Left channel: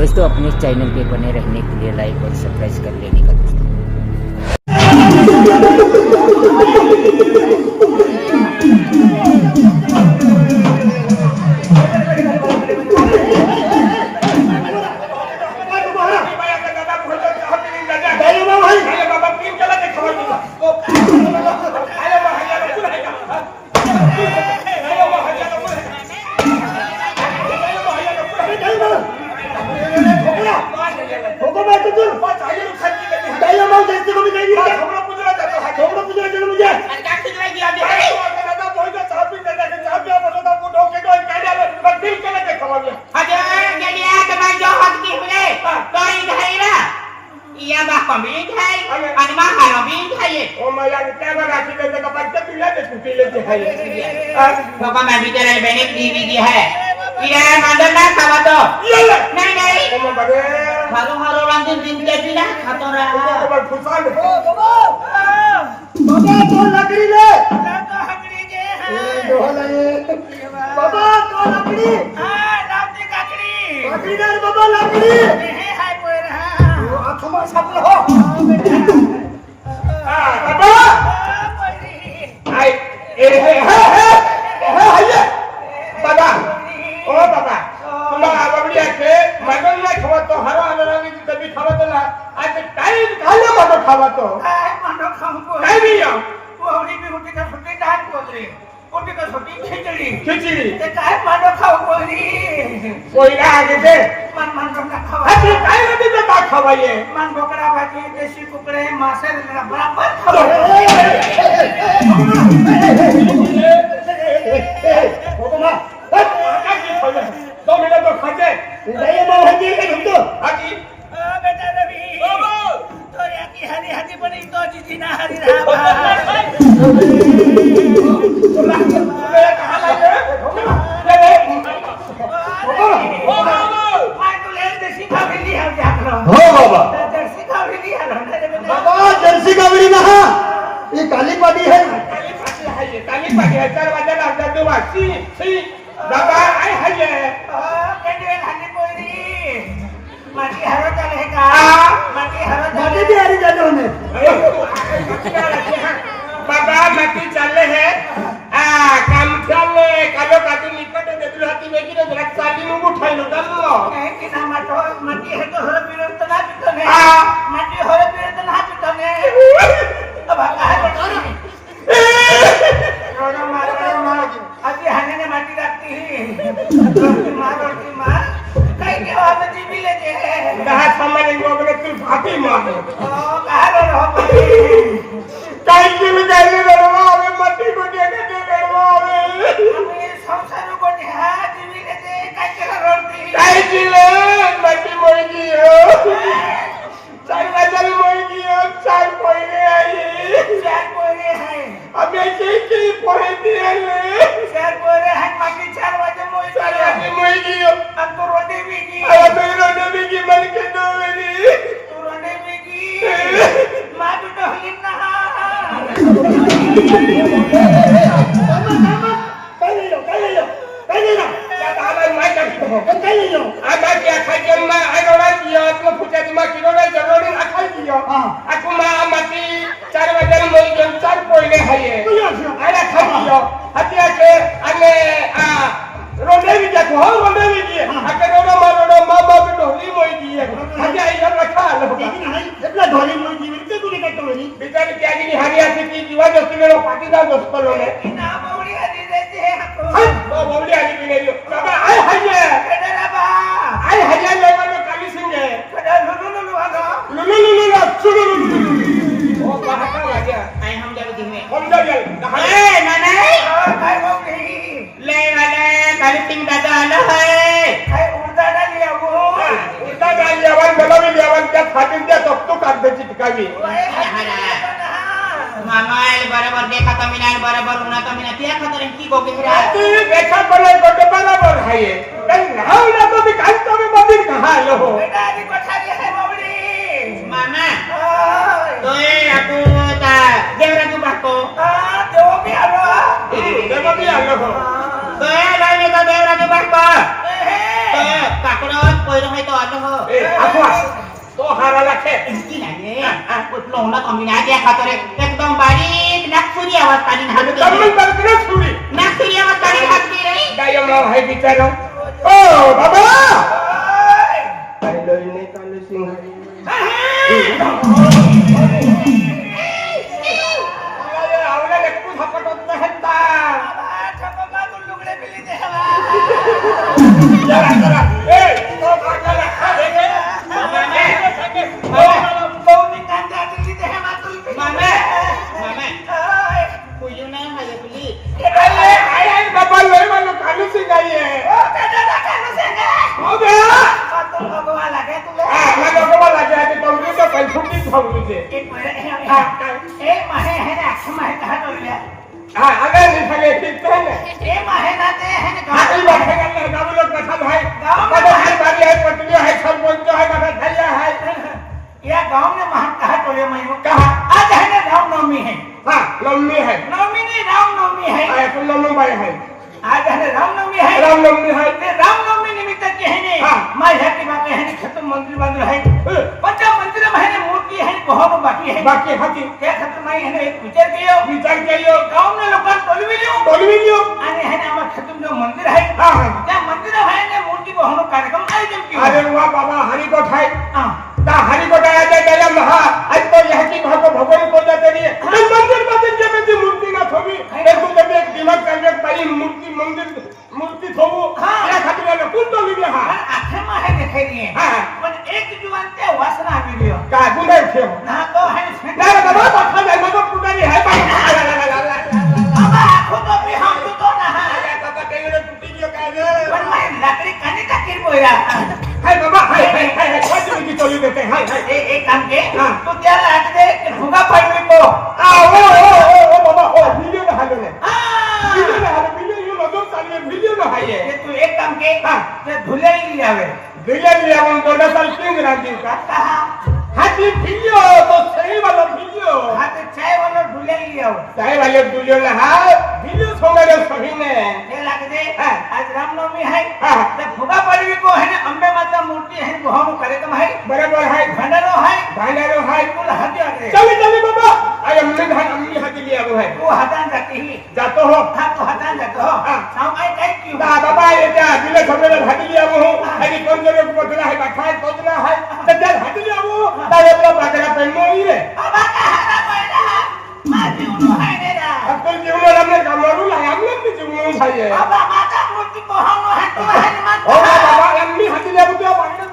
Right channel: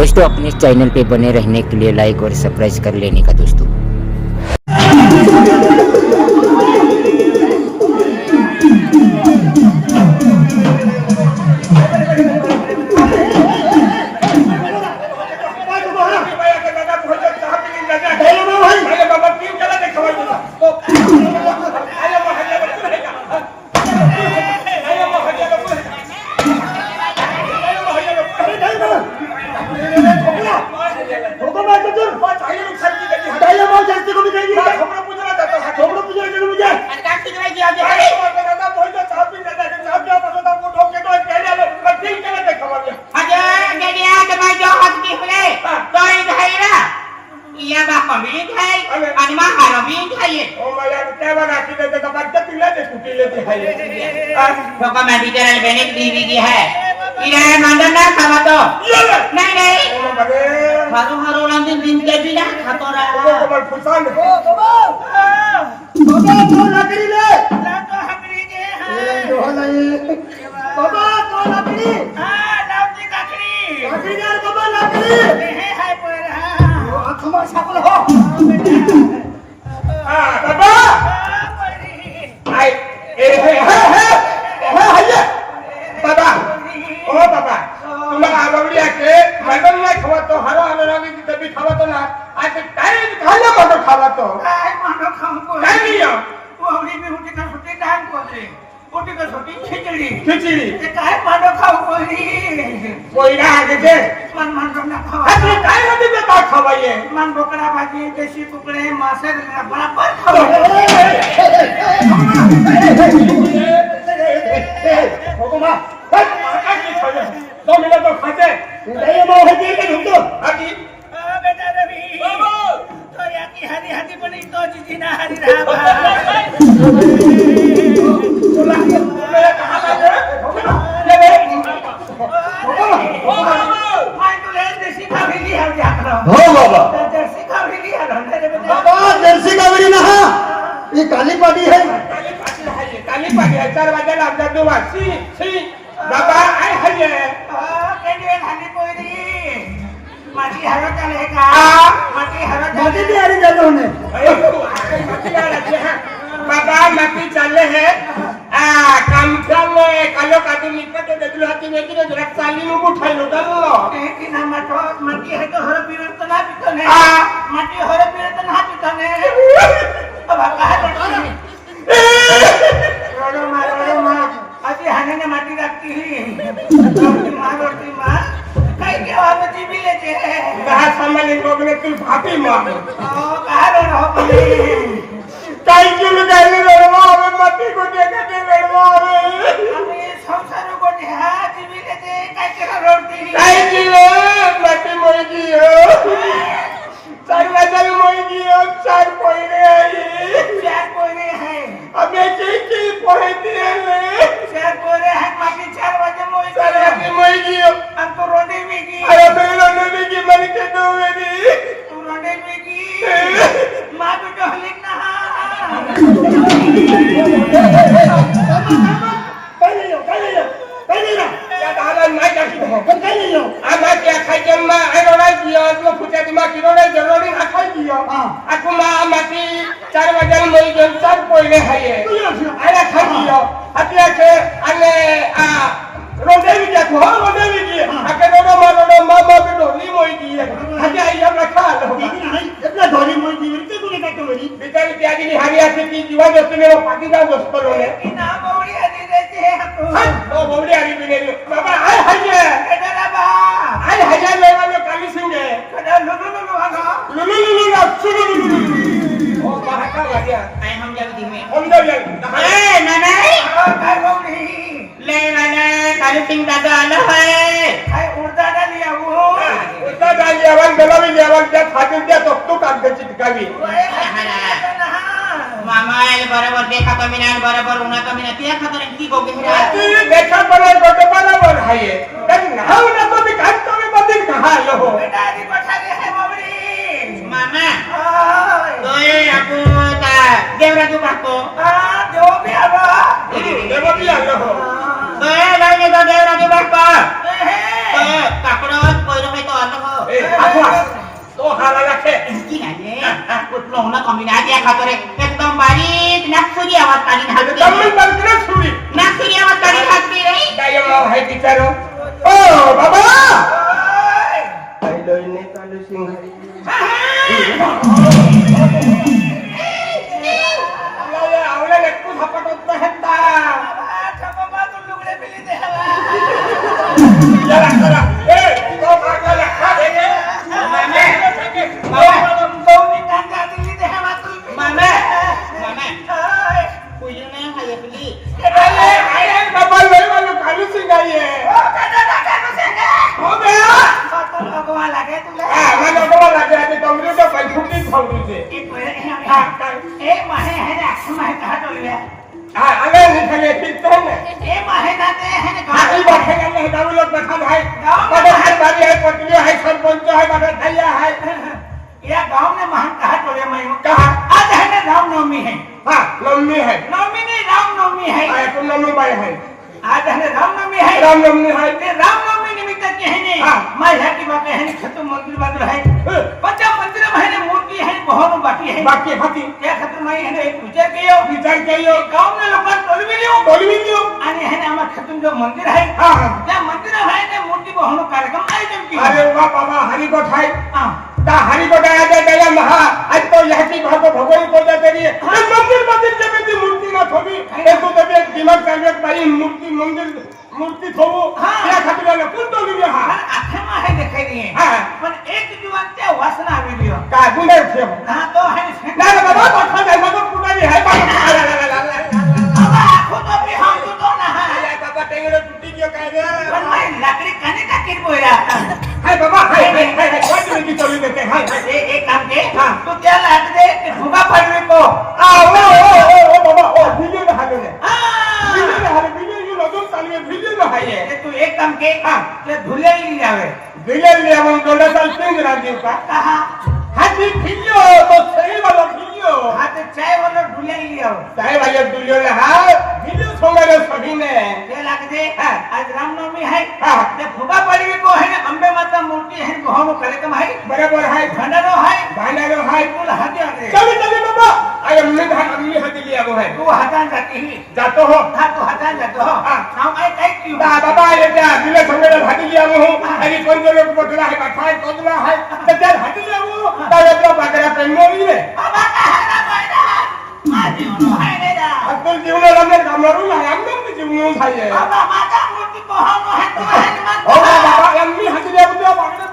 दोस्तों अपने चैनल पे बने रहने के लिए लाइक और सब्सक्राइब कर लेने का दोस्तों। हारा लाखे इसकी नाही कुठलं होणं कमी नाही त्या खातोरे एकदम बारीक नागपुरी आवाज काढी घालून जमीन बंदना सुरी नागपुरी आवाज काढी घालते रे काय नाव आहे बिचारो ओ बाबा काय लोईने काल सिंह आवले लेकू झपटत नहता छपमा तुकडे बिली देवा चला चला ए तो मारला लेखा दे मामे बहुनी कांदा दिली देवा तू मामे मामे कुयू नाही हाय बिली काय डबल लय वालो कालू सिंह आहे ओ दादा कानू संगे हो बे तो भगवा लागे तुला मला डबल लागे आधी डबल तो कन्फर्म थांबली ते एक महिना एक माहे है ना माहे कहा बोलले हां आगे नहीं सके ठीक है ना ए माहे ना ते है ना आई बात है ना गाँव लोग बता है मदद है भाभी है पत्नी है सरपंच है मदद भैया है या गांव में महान कहा टोले में कहा आज है ना रामनवमी है हाँ नवमी है नवमी नहीं रामनवमी है तो नवमी भाई है आज है रामनवमी है रामनवमी है ते रामनवमी निमित्त के है ने मैं है की बात है ने खत्म मंदिर बंद है पंचा मंदिर में है ने मूर्ति है बहुत बाकी है बाकी हाथी क्या खत्म मैं है एक विचार कियो गांव में लोग टोलवी लियो आणि है ना आम खत्म जो मंदिर है हाँ त्या मंदिर है ने मूर्ति बहुत कार्यक्रम आयोजन कियो अरे वाह बाबा हरि को है हां ता हरि को आया गया महा आज तो यह की भागो भगवान को जाते रही है मंदिर के में मूर्ति ना थोबी एक तो तबे दिमाग करने पाई मूर्ति थोबो या खातिर वाला कुन तो लिया हां आखे में है देखे नहीं है हां पण एक जुवान ते वासना आवी लियो का गुंडे थे ना तो है ना बाबा तो खा मग पुजारी है बाबा खुद भी हम तो ना या बाबा टेंगरे टूटी गयो काय रे पण मैं लकड़ी कने टाकीर बोया हाय बाबा हाय वाट में की चोरी देते हाय एक काम के तू त्या लाट दे भुगा पडवी को ओ बाबा ओ वीडियो ना हाले वीडियो ये नजर चालू है वीडियो ना हाय ये तू एक काम के ते धुले ली जावे दिले ले हम पहले साल 3 दिन का कहा हाथी वीडियो तो सही वाला वीडियो हाथ चाय वाला धुले ली जाओ चाय वाले वीडियो ले हां वीडियो सोमरे सही ने ते लाग दे आज रामनवमी है हां ते भुगा पडवी को है अंबे माता मूर्ति है को हम कार्यक्रम है बराबर है भंडारो है कुल हत्या दे चले बाबा अरे मैं हाथी हाथी लिया वो है तू हटा जाती जातो हो हां तू हटा जातो हो नाम काय काय की बाबा ये क्या बिना समझे हाथी लिया वो अरे कौन जो लोग पकड़ा है बाखा पकड़ा है तो जब हाथी लिया वो तावे तो पकड़ा पे मोई रे बाबा कहा पहिला माझी उनो है रे रा अपन जीवन हमने कामरू ला हमने भी जीवन खाइए बाबा माता मूर्ति को हम है तो है मत ओ बाबा एमनी हाथी लिया तो पकड़ा